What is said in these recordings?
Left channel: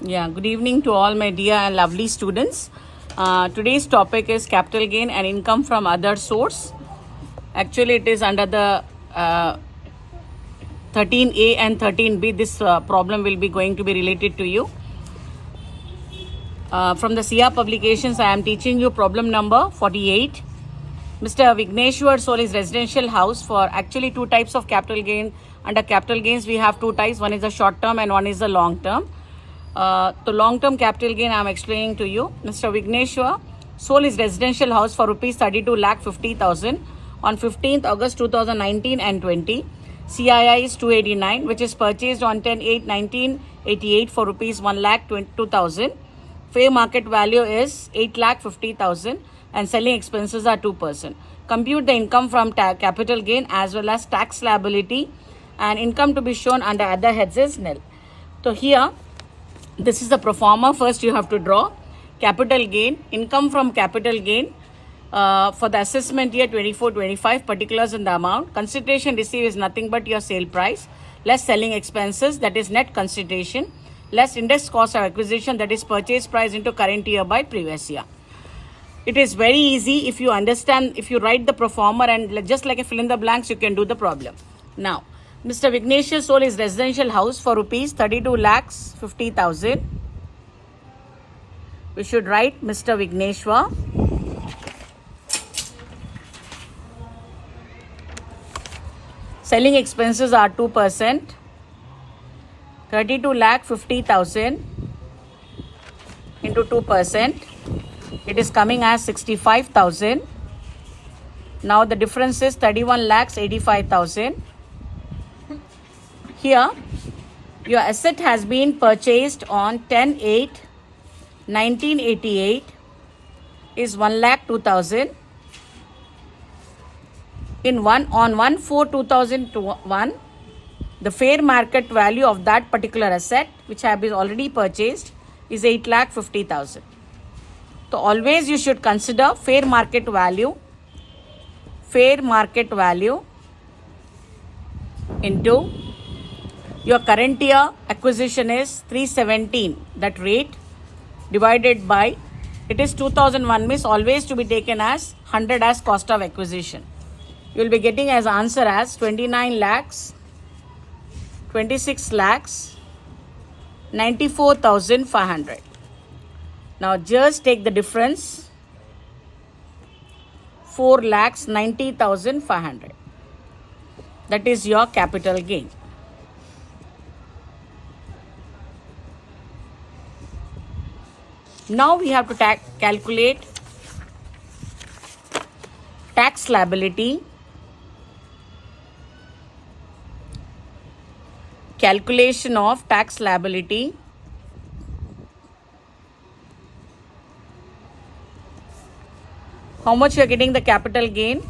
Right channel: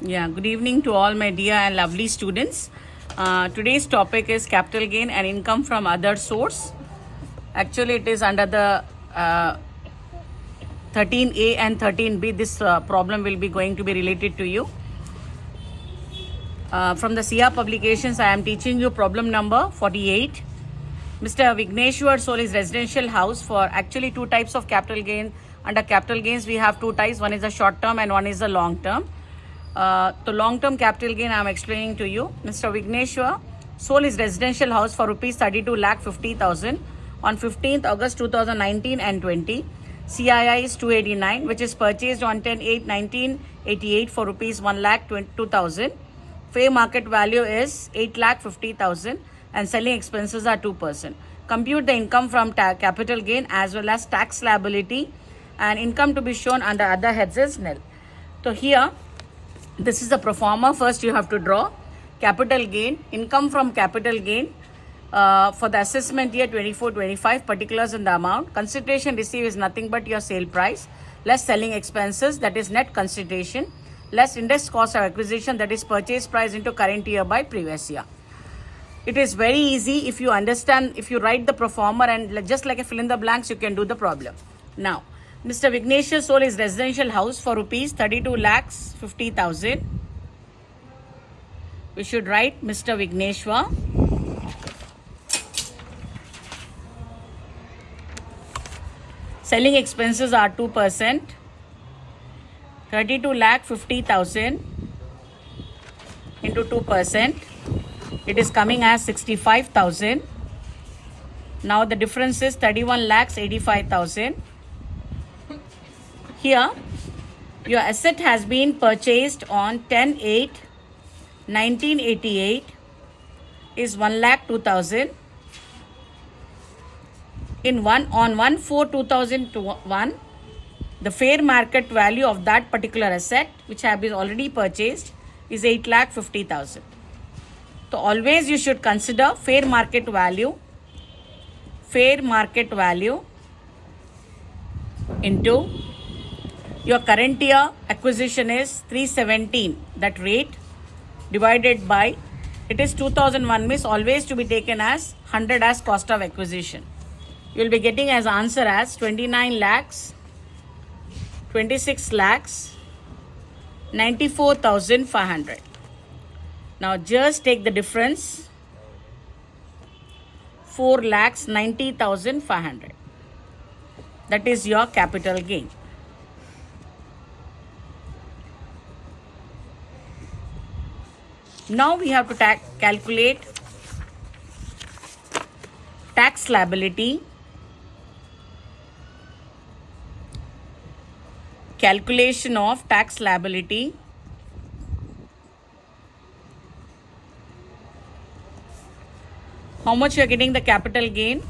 Yeah, good evening to all my dear and lovely students. Today's topic is capital gain and income from other source. Actually, it is under the 13A and 13B. This problem will be going to be related to you. From the CR publications, I am teaching you problem number 48. Mr. Vigneshwar sold his residential house for actually two types of capital gain. Under capital gains, we have two types. One is the short term and one is the long term. The long term capital gain I am explaining to you. Mr. Vigneshwar sold his residential house for rupees 32,50,000 on 15th August 2019 and 20. CII is 289, which is purchased on 10/8/1988 for rupees 1,22,000. Fair market value is 8,50,000 and selling expenses are 2%. Compute the income from capital gain as well as tax liability, and income to be shown under other heads is nil. So here, this is the pro forma. First you have to draw capital gain, income from capital gain for the assessment year 24-25, particulars in the amount. Consideration received is nothing but your sale price, less selling expenses, that is net consideration, less index cost of acquisition, that is purchase price into current year by previous year. It is very easy if you understand, if you write the pro forma and just like a fill in the blanks, you can do the problem. Now, Mr. Vigneshwar sold his residential house for rupees 32,50,000. We should write Mr. Vigneshwar selling expenses are 2%. 32,50,000 into 2%. It is coming as 65,000. Now the difference is 31,85,000. Here, your asset has been purchased on 10/8/1988 is 1,02,000. On 1/4/2001, the fair market value of that particular asset, which have been already purchased, is 8,50,000. So always you should consider fair market value into your current year acquisition is 317, that rate, divided by, it is 2001, means always to be taken as 100 as cost of acquisition. You will be getting as answer as 29 lakhs, 26 lakhs, 94,500. Now just take the difference, 4,90,500. That is your capital gain. Now we have to calculate tax liability. Calculation of tax liability. How much you are getting the capital gain?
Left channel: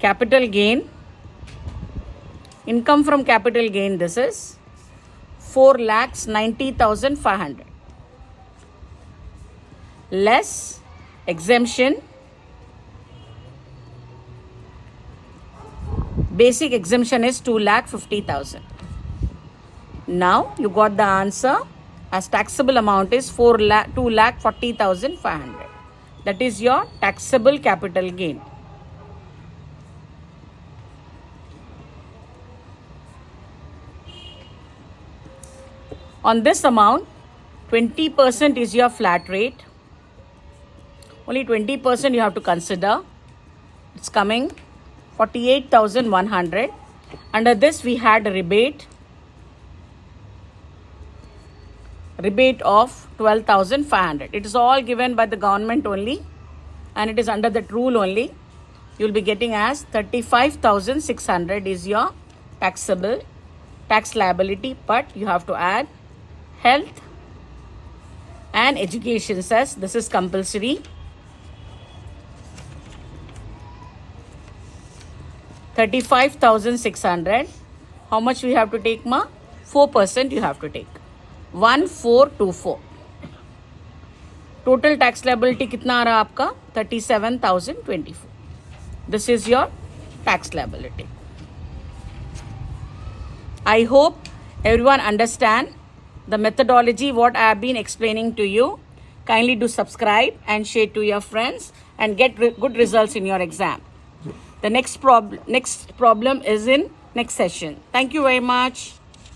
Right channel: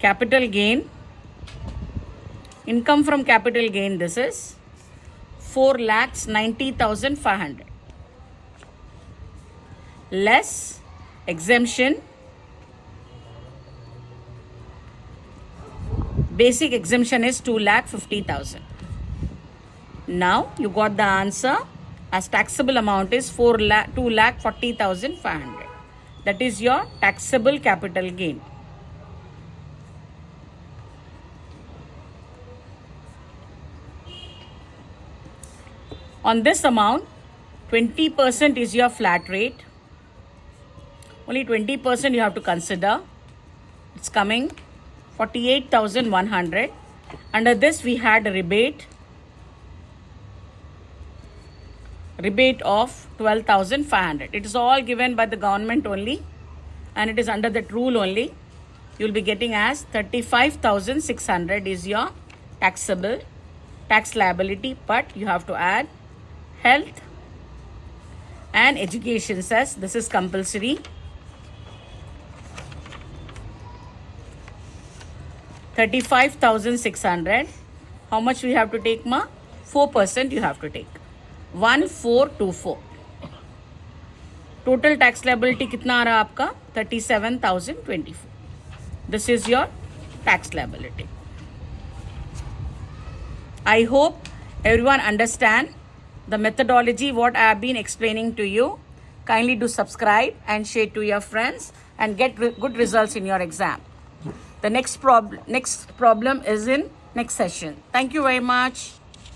Capital gain, income from capital gain, this is 4,90,500 less exemption. Basic exemption is 2,50,000. Now you got the answer as taxable amount is 2,40,500. That is your taxable capital gain. On this amount, 20% is your flat rate. Only 20% you have to consider. It's coming 48,100. Under this we had a rebate of 12,500. It is all given by the government only, and it is under that rule only. You will be getting as 35,600 is your taxable tax liability, but you have to add health and education cess. This is compulsory. 35,600. How much we have to take, ma? 4% you have to take. 1,424. Total tax liability कितना आ रहा आपका? 37,024. This is your tax liability. I hope everyone understand the methodology what I have been explaining to you. Kindly do subscribe and share to your friends and get good results in your exam. The next problem is in next session. Thank you very much.